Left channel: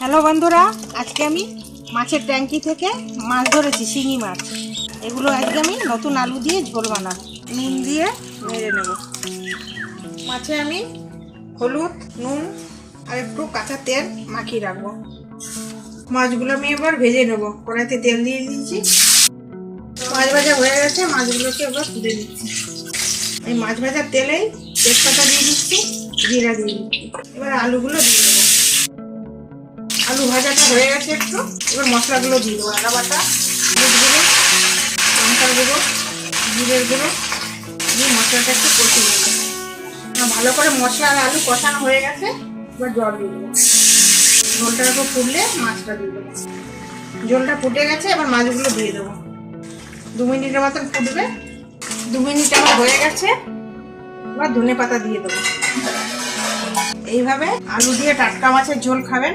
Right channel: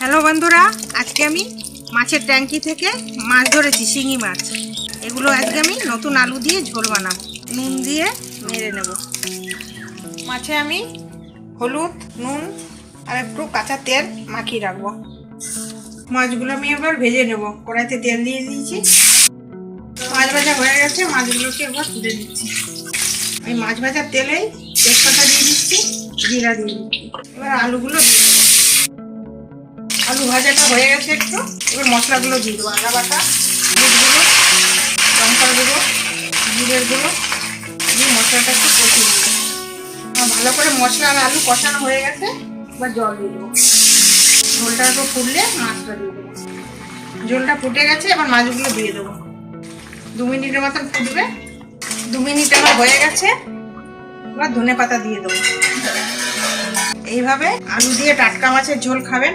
Hello বন্ধুরা, আজকে আমি মাছের ট্যাঙ্কি থেকে মাছ ধরেছি, শিঙি মাছ। এগুলো আজকে আমি নতুন আলু দিয়ে ঝোল বানাবো, নুন দিয়ে নেড়ে নেব। মাছে আমি হলুদ, নুন আর একটু কাঁচা তেল মাখিয়ে রাখবো। মাছগুলো আমি এবার ভেজে নেব। কড়াইতে তেল দিয়ে দিয়েছি, মাছ ভাজা হয়ে গেছে। মাছগুলোকে এবার তুলে দিচ্ছি। এই মাছ ভাজার তেলেই তেজপাতা দিয়ে দিচ্ছি, জিরা দিয়ে দিচ্ছি। এবার আলুগুলো দিয়ে দেবো। আলু ভাজাটা হয়ে গেছে একটু, এবার মশলাগুলো দিয়ে দেবো। আদা বাটা, হলুদ গুঁড়ো, লঙ্কার গুঁড়ো, জিরের গুঁড়ো দিয়ে মশলাটা একটু কষিয়ে নেবো। ভালো করে মশলা আর আলু কষানো হয়ে গেছে, এবার জল দিয়ে দেবো। ঝোলটা একটু ফুটলে মাছটা দিয়ে দেবো। ঝোলটা ফুটে গেছে, এবার মাছগুলো দিয়ে দেবো। 2 মিনিটের মতন ফুটবে। 2 মিনিট আমার হয়ে গেছে, এবার ধনে পাতা দিয়ে দেবো। এইভাবে আলু দিয়ে টাটকা মাছের ঝোল খাবেন,